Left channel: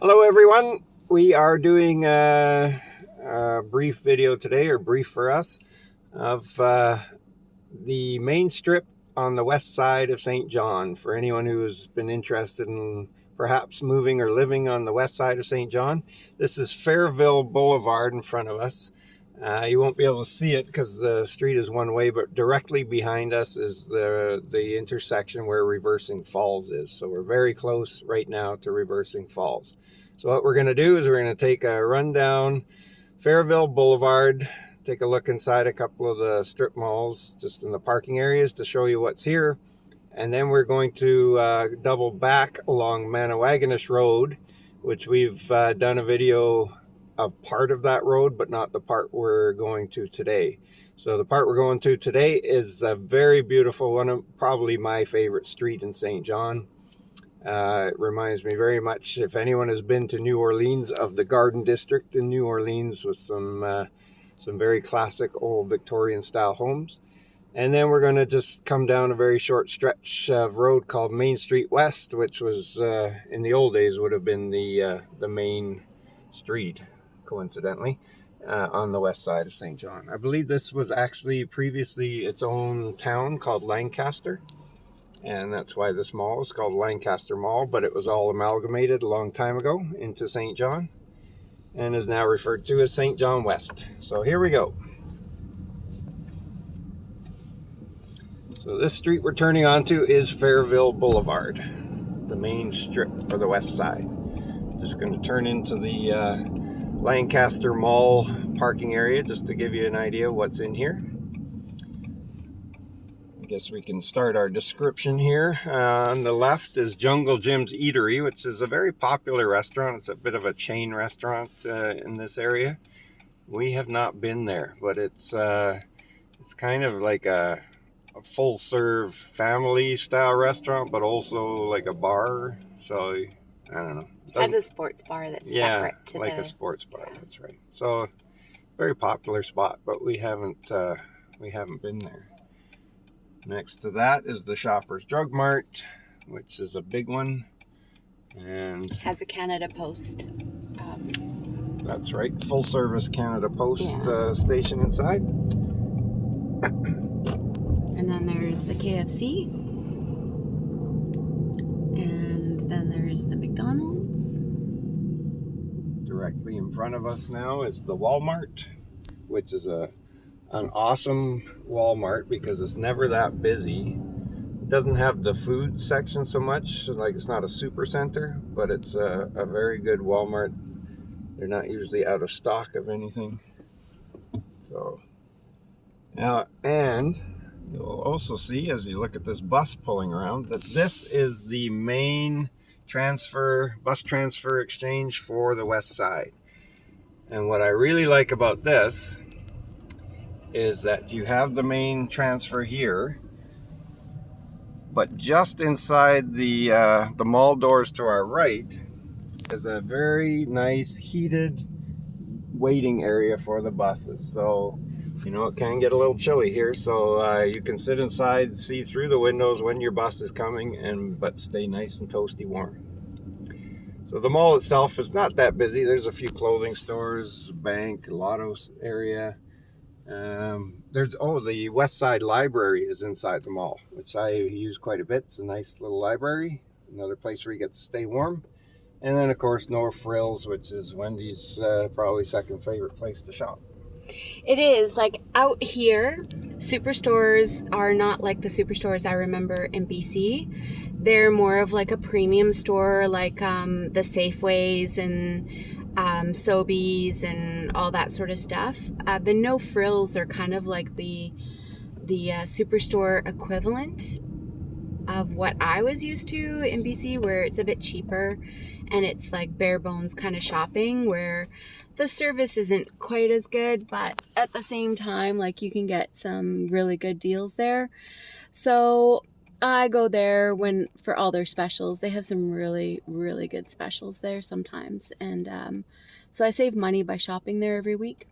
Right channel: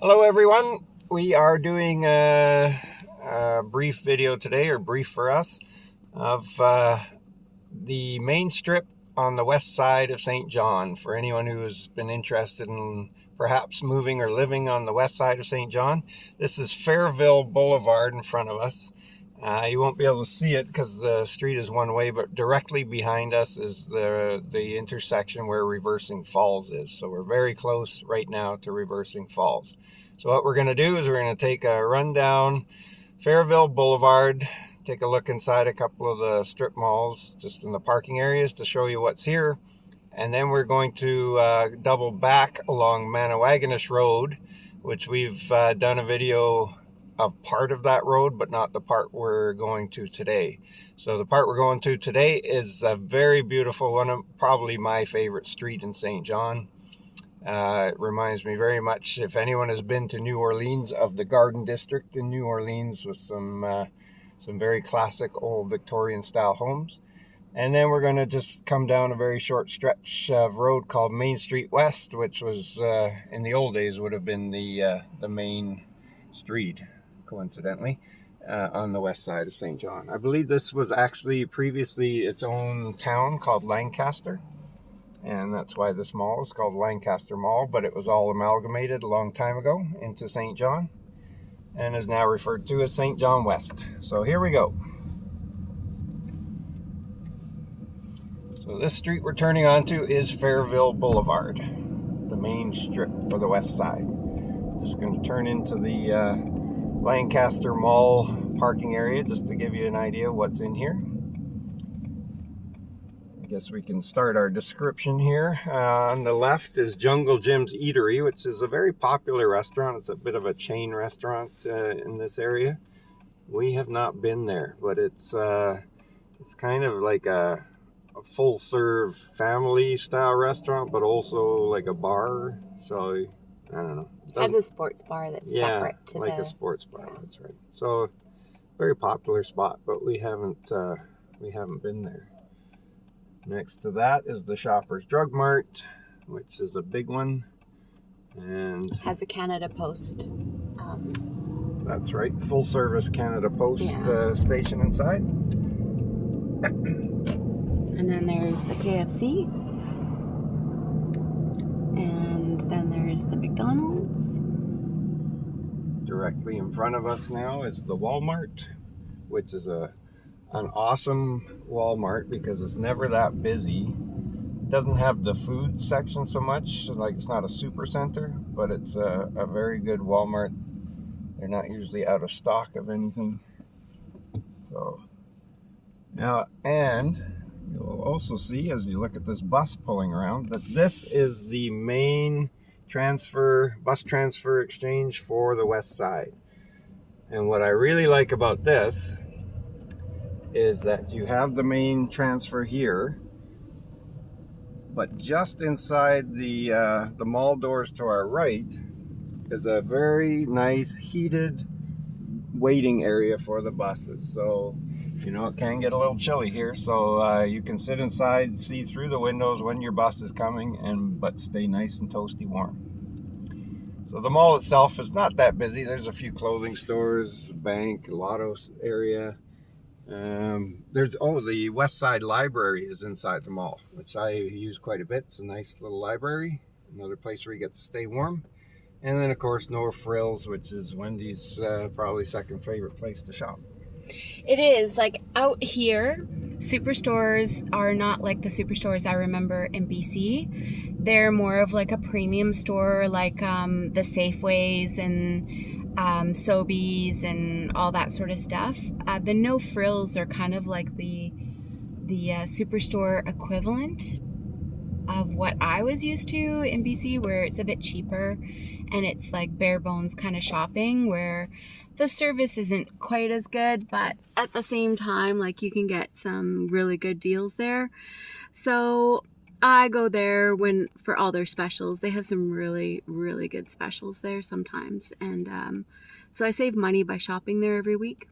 Hello everyone, we are doing a brief video today, or brief for us, of the main strip on the west side of St. John. For anyone who has been interested in perhaps moving or living on the west side of St. John, this is Fairville Boulevard in front of us. You won't be able to see it because the street is one way, but directly behind us is the intersection where Reversing Falls is. So we're very close right now to Reversing Falls. So what we're going to do is we're going to take a run down Fairville Boulevard, take a look inside a couple of the strip malls, just in the parking areas to show you what's here. And then we're going to double back along Manawagonish Road, which we've done a video of part of that road, but not the part we're going to today. So the part we're going to today is a very beautiful one, of probably my favorite street in St. John. It reminds me very much, if anyone has been to New Orleans, of the Garden District in New Orleans, with some very classic old Victorian style homes. And then we're going to just come down a very short stretch of road called Main Street West, which was in the old days would have been the main street, coincidentally, on the west side of St. John. I believe this was actually previously its own town called Lancaster, and that's why this mall is called Lancaster Mall, but it was all amalgamated a long time ago into St. John and is now referred to as St. John West. So here we go. So this street we're turning onto is Fairville Boulevard, the main strip for the west side. Just going to turn into the Lancaster Mall parking area just to give you an idea of what's in here. I guess we can start our description here. On the left is Jungle Jim's Eatery, which is a very popular restaurant. It's a bit of a chain restaurant in this area. We have not been there, but it's kind of like a full-serve family style restaurant, but also like a bar. So I don't know. As a sports bar that's separate to like a sports bar. That's right. So very popular spot, but we haven't been there. Next to that is the Shoppers Drug Mart, which is a big one, and has a Canada Post. That's right, full service Canada Post station inside. And then there's the KFC, and then there's the McDonald's. Directly in front of us now is the Walmart, which is an awesome Walmart because it's never that busy. It doesn't have the food section so much, like it's not a super center, but it's a very good Walmart. They're not usually out of stock of anything. So now, and you'll also see as you look at this bus pulling around that this is the main bus transfer exchange for the west side. And what I really like about this is that you have the main transfer here, but just inside the mall doors to our right is a very nice heated waiting area for the buses. So you know, it can get a little chilly here, so you can sit inside, see through the windows when your bus is coming, but stay nice and toasty warm. So the mall itself is not that busy. There's a few clothing stores, bank, lotto area. The West Side Library is inside the mall, which I use quite a bit. It's a nice little library, another place where you get to stay warm. And then, of course, No Frills, which is Wendy's probably second favorite place to shop. It is, like, out here, superstores are not like the superstores I remember in BC. They're more of like a premium store, like the Safeways and Sobeys and all that sort of stuff. The No Frills are kind of like the superstore equivalent of what I was used to in BC, where it's a bit cheaper and it's like bare bones kind of shopping, where the service isn't quite as good, but at the same time, like, you can get some really good deals there. So I go there for all their specials. They have some really, really good specials there sometimes. And so I save money by shopping there every week.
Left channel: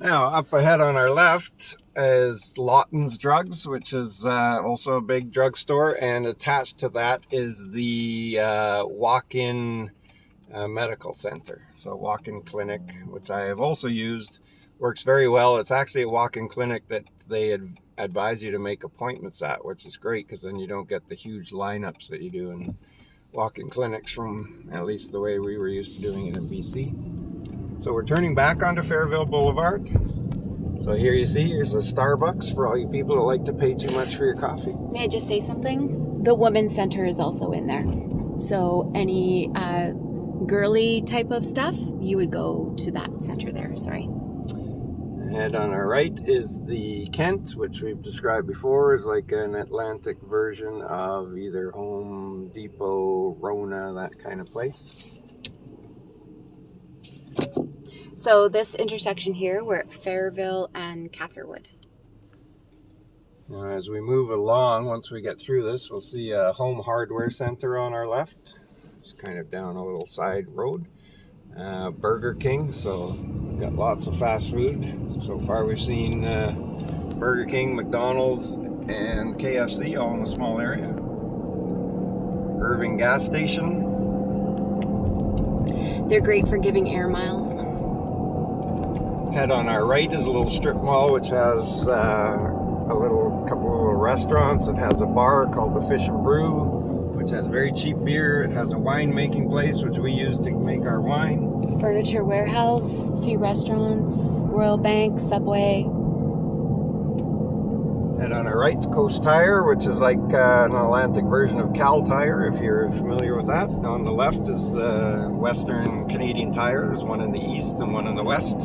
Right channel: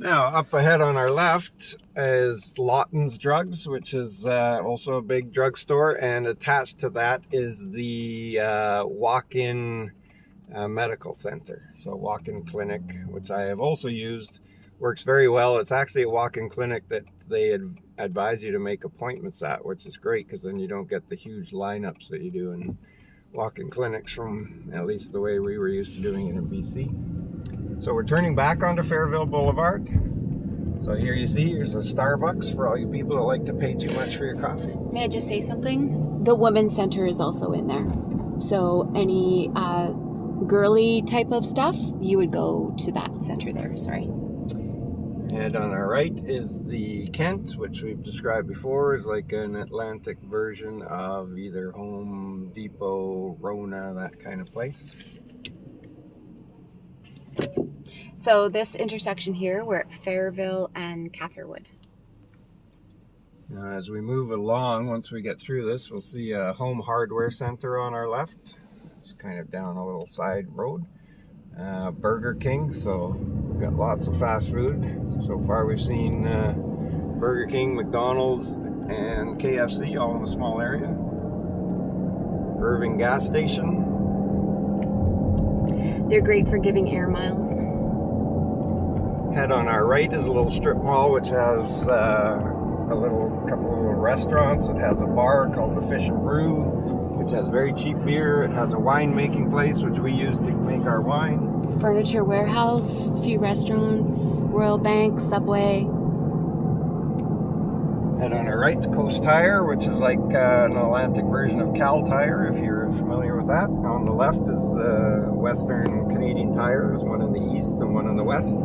Now, up ahead on our left is Lawton's Drugs, which is also a big drugstore, and attached to that is the walk-in medical center. So walk-in clinic, which I have also used, works very well. It's actually a walk-in clinic that they advise you to make appointments at, which is great because then you don't get the huge lineups that you do in walk-in clinics, from at least the way we were used to doing it in BC. So we're turning back onto Fairville Boulevard. So here you see, here's a Starbucks for all you people that like to pay too much for your coffee. May I just say something? The Women's Center is also in there. So any girly type of stuff, you would go to that center there, sorry. And on our right is the Kent, which we've described before as like an Atlantic version of either Home Depot, Rona, that kind of place. So this intersection here, we're at Fairville and Catherwood. Now as we move along, once we get through this, we'll see a Home Hardware Center on our left. It's kind of down a little side road. Burger King, so we've got lots of fast food. So far we've seen Burger King, McDonald's, and KFC all in a small area. Irving gas station. They're great for giving air miles. Head on our right is a little strip mall which has couple of little restaurants. It has a bar called the Fish and Brew, which has very cheap beer. It has a wine making place which we use to make our wine. Furniture warehouse, a few restaurants, Royal Bank, Subway. And on our right's Coast Tire, which is like an Atlantic version of Cal Tire, if you're familiar with that. On the left is the Western Canadian Tire. There's one in the east and one in the west.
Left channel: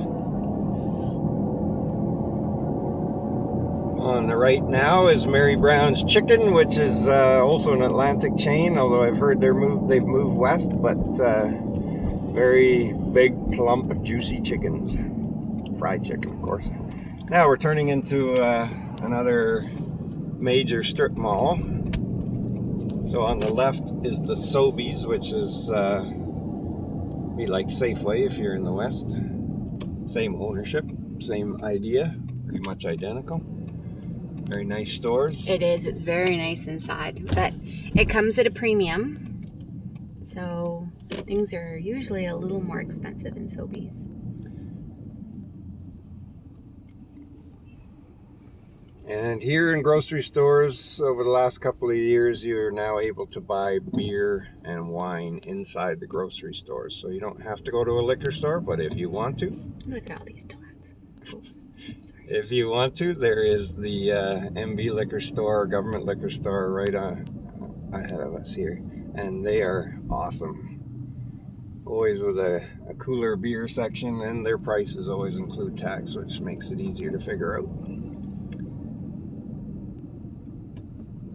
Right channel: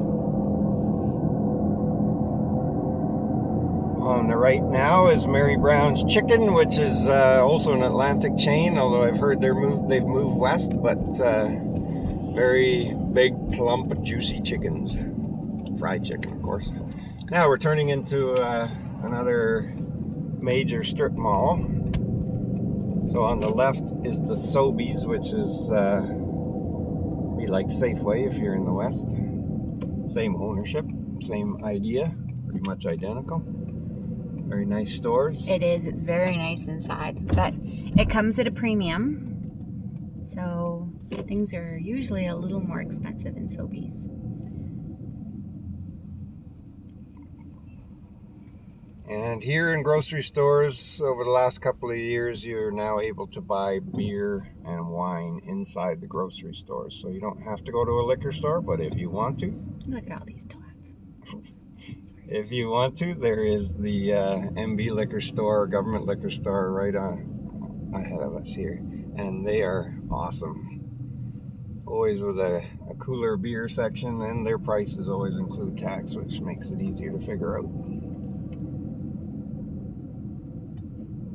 On the right now is Mary Brown's Chicken, which is also an Atlantic chain, although I've heard they've moved west, but very big, plump, juicy chickens. Fried chicken, of course. Now we're turning into another major strip mall. So on the left is the Sobeys, which is be like Safeway if you're in the west. Same ownership, same idea, pretty much identical. Very nice stores. It is. It's very nice inside, but it comes at a premium. So things are usually a little more expensive in Sobeys. And here in grocery stores, over the last couple of years, you're now able to buy beer and wine inside the grocery stores. So you don't have to go to a liquor store, but if you want to. Look at all these twats. Oops. If you want to, there is the MV liquor store, government liquor store right ahead of us here. And they are awesome. Always with a cooler beer section, and their prices always include tax, which makes it easier to figure out.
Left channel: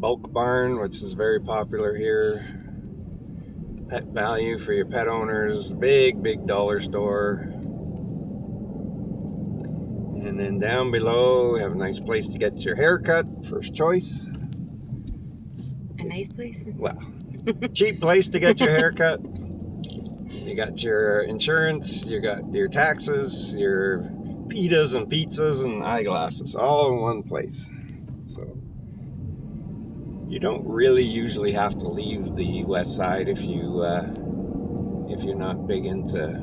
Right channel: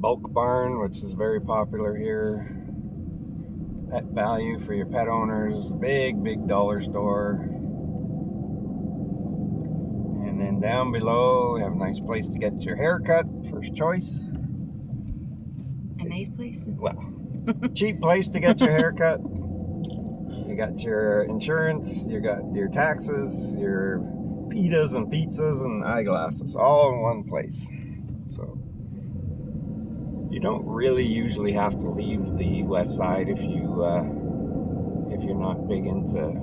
Bulk Barn, which is very popular here. Pet Value for your pet owners. Big dollar store. And then down below, we have a nice place to get your hair cut, first choice. A nice place? Well, cheap place to get your hair cut. You got your insurance, you got your taxes, your pitas and pizzas and eyeglasses, all in one place. So you don't really usually have to leave the west side if you're not big into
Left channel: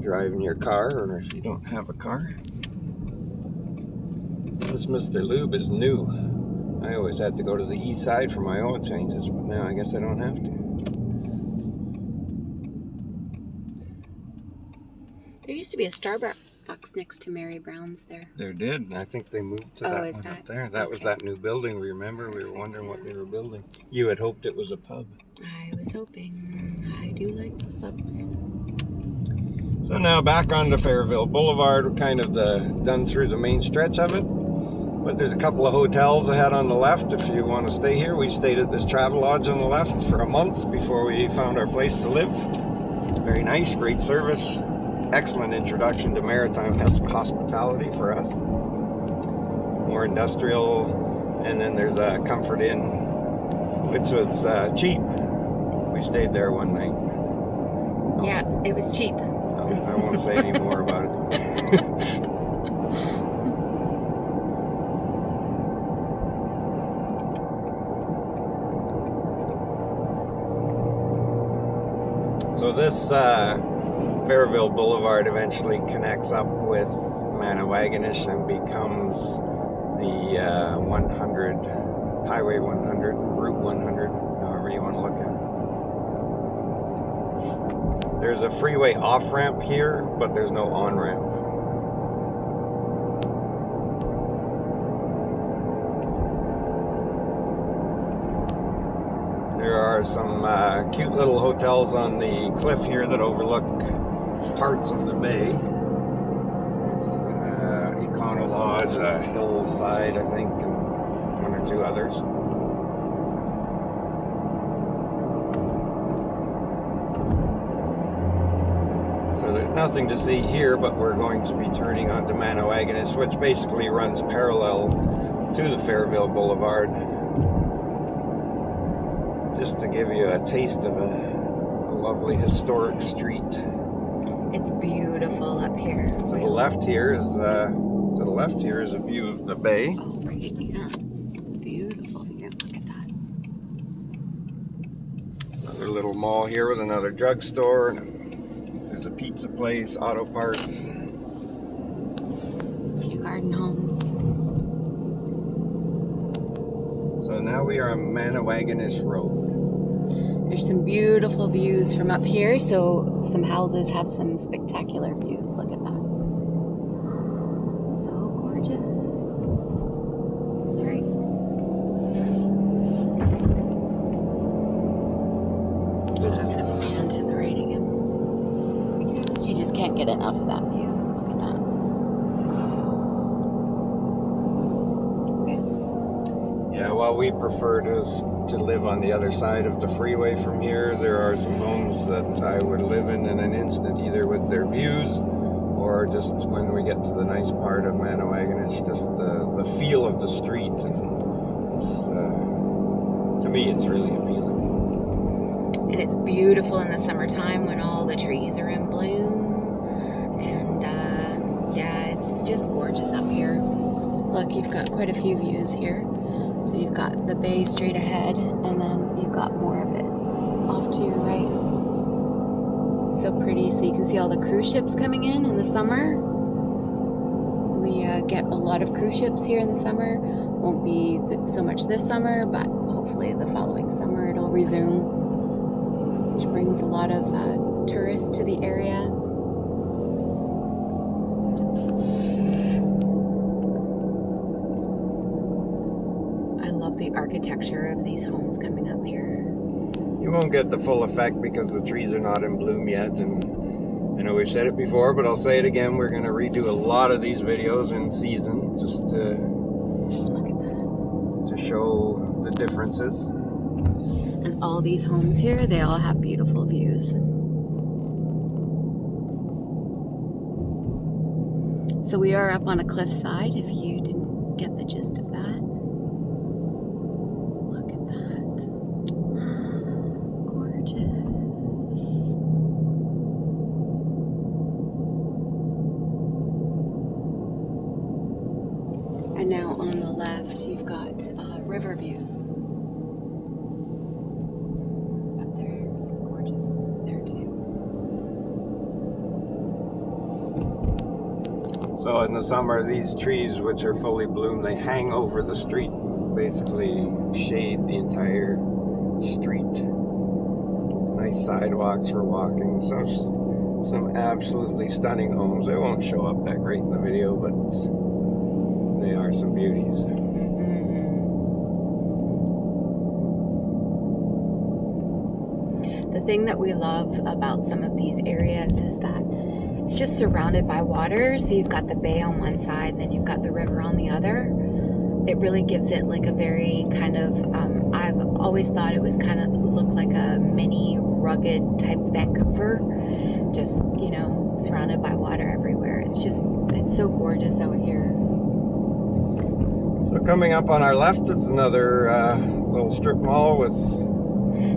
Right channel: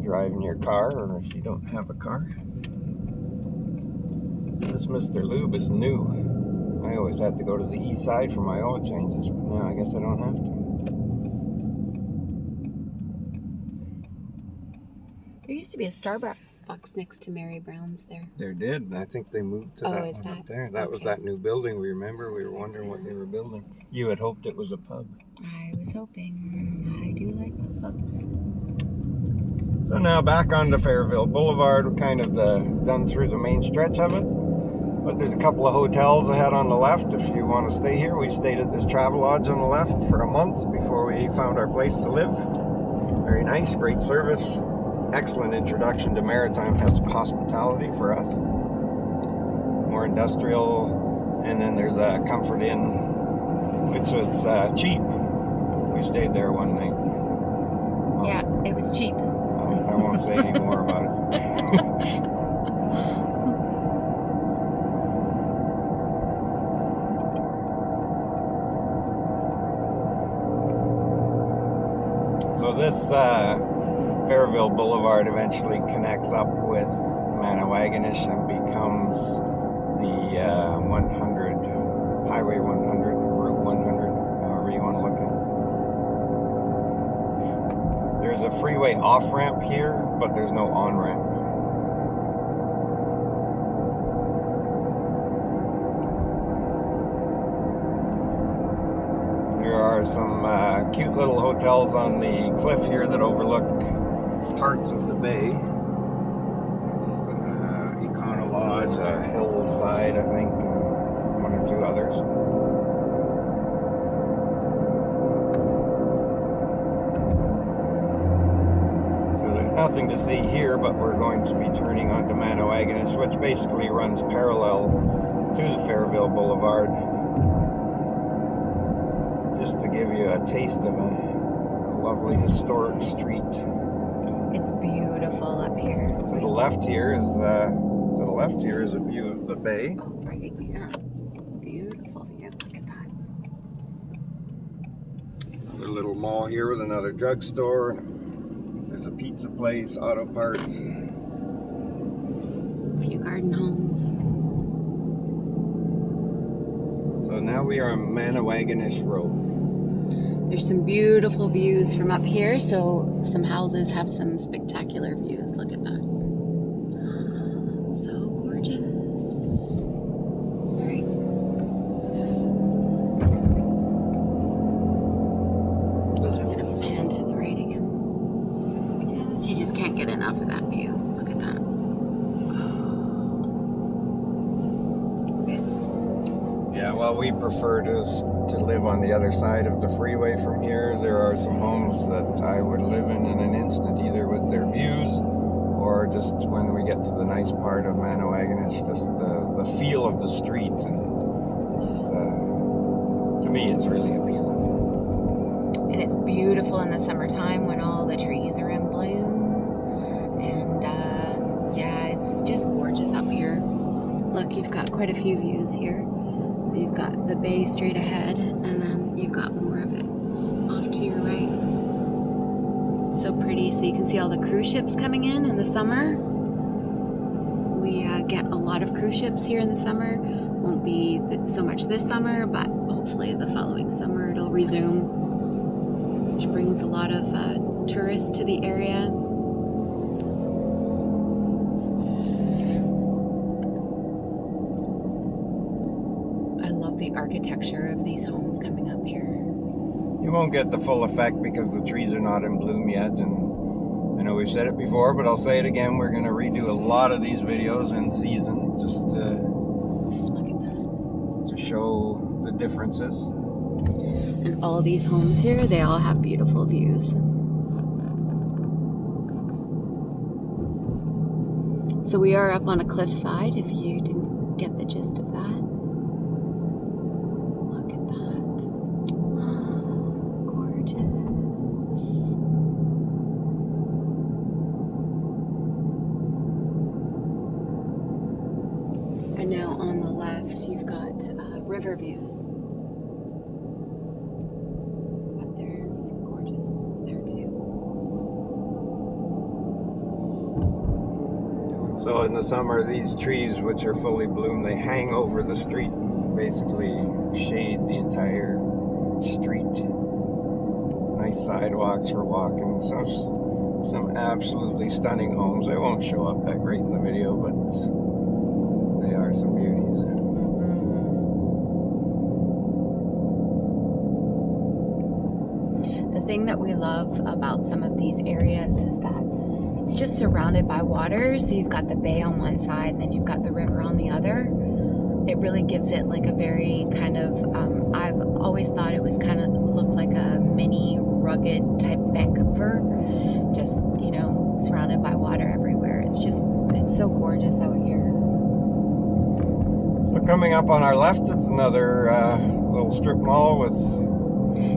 driving your car, or if you don't have a car. This Mr. Lube is new. I always had to go to the east side for my oil changes, but now I guess I don't have to. There used to be a Starbucks next to Mary Brown's there. There did, and I think they moved to that one up there. That was that new building. We remember we were wondering what they were building. You had hoped it was a pub. I was hoping. I do like pubs. So now back onto Fairville Boulevard. We're kind of done through the main stretch of it. But there's a couple of hotels ahead on the left if you want to stay here. We stayed at this Travelodge on the left for a month before we found our place to live. Very nice, great service. Excellent introduction to maritime hospitality for us. More industrial. And then there's a Comfort Inn, which was cheap. We stayed there one night. Yeah, it was cheap. I won't say any more about it. So this Fairville Boulevard eventually connects up with Manawagonish and becomes the 100, Highway 100, Route 100, however you want to look at it. There's a freeway off-ramp here, but there's no on-ramp. There are some cute little hotels on the cliff here that overlook parts of the bay. There's Econo Lodge, Hillside, I think, and one or two others. So there's nothing to see here, but we're going to be turning onto Manawagonish, which basically runs parallel to the Fairville Boulevard. Just to give you a taste of a lovely historic street. It's beautiful up here. To the left here is a view of the bay. Oh, right, yeah. Beautiful view. Look at that. Another little mall here with another drugstore. There's a pizza place, auto parts. A few garden homes. So now we are on Manawagonish Road. There's some beautiful views from up here, so some houses have some spectacular views. Look at that. So gorgeous. All right. So I'm going to pan to the right again, because you just can't get enough of that view. Look at that. Okay. Yeah, while we prefer to live on the other side of the freeway from here, there are some homes that I would live in an instant, either with their views or just when we get to the nice part of Manawagonish, just the feel of the street. And it's, to me, it's really appealing. And it's beautiful in the summertime when all the trees are in bloom. And yeah, it's just gorgeous up here. Look, you've got quite a few views here. So you've got the bay straight ahead, and then you've got more of it off to your right. It's so pretty. So you can see all the cruise ships coming in the summer. We get a lot of cruise ships here in the summer. Won't be so much this summer, but hopefully the following summer it'll resume, which brings a lot of tourists to the area. The architecture of these homes coming up here. You won't get the full effect because the trees are not in bloom yet, and I know we've said it before, but I'll say it again, we're going to redo a lot of these videos in season just to look at that, to show the differences. And all these homes here, they all have beautiful views. So we are up on a cliffside, if you didn't get the gist of that. And now on the left, you've got river views. But there's some gorgeous homes there too. So in the summer, these trees, which are fully bloomed, they hang over the street and basically shade the entire street. Nice sidewalks for walking. So some absolutely stunning homes. They won't show up that great in the video, but they are some beauties. The thing that we love about some of these areas is that it's just surrounded by water. So you've got the bay on one side, and then you've got the river on the other. It really gives it like a very kind of, I've always thought it was kind of looked like a mini rugged type Vancouver, just, you know, surrounded by water everywhere. It's so gorgeous out here. So coming up on our left is another little strip mall with...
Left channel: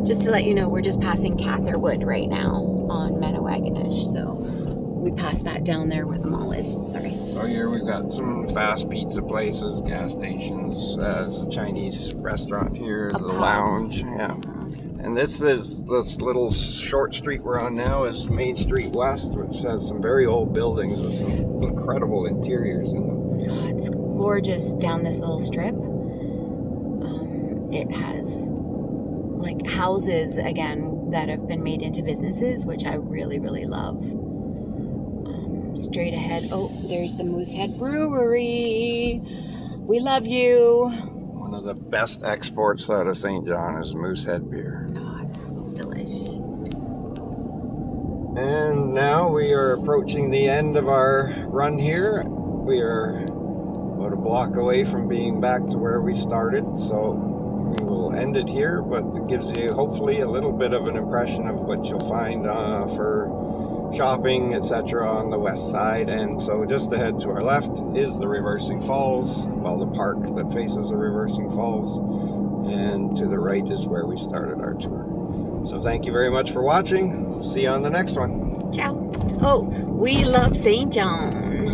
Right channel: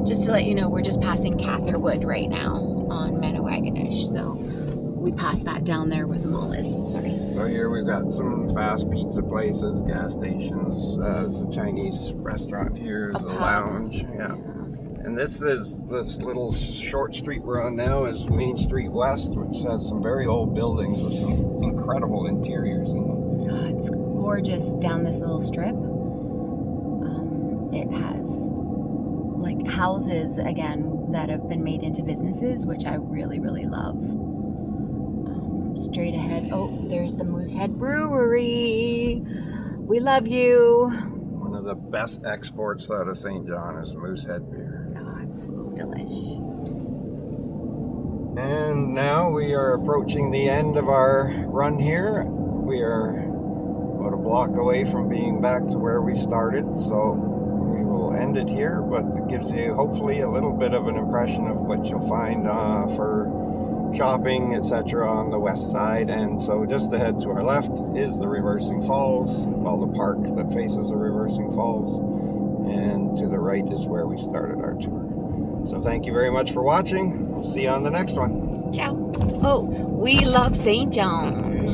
Just to let you know, we're just passing Catherwood right now on Manawagonish, so we passed that down there where the mall is. Sorry. So here we've got some fast pizza places, gas stations, there's a Chinese restaurant here, there's a lounge, yeah. And this little short street we're on now is Main Street West, which has some very old buildings with some incredible interiors in them. Oh, it's gorgeous down this little strip. It has like houses again that have been made into businesses, which I really, really love. Straight ahead, oh, there's the Moosehead Brewery. We love you. One of the best exports out of St. John is Moosehead beer. Oh, it's so delish. And now we are approaching the end of our run here. We are about a block away from being back to where we started, so we will end it here, but it gives you hopefully a little bit of an impression of what you'll find for shopping, etc. on the west side. And so just ahead to our left is the Reversing Falls, well, the park that faces the Reversing Falls, and to the right is where we started our tour. So thank you very much for watching. We'll see you on the next one. Ciao. Oh, we love St. John.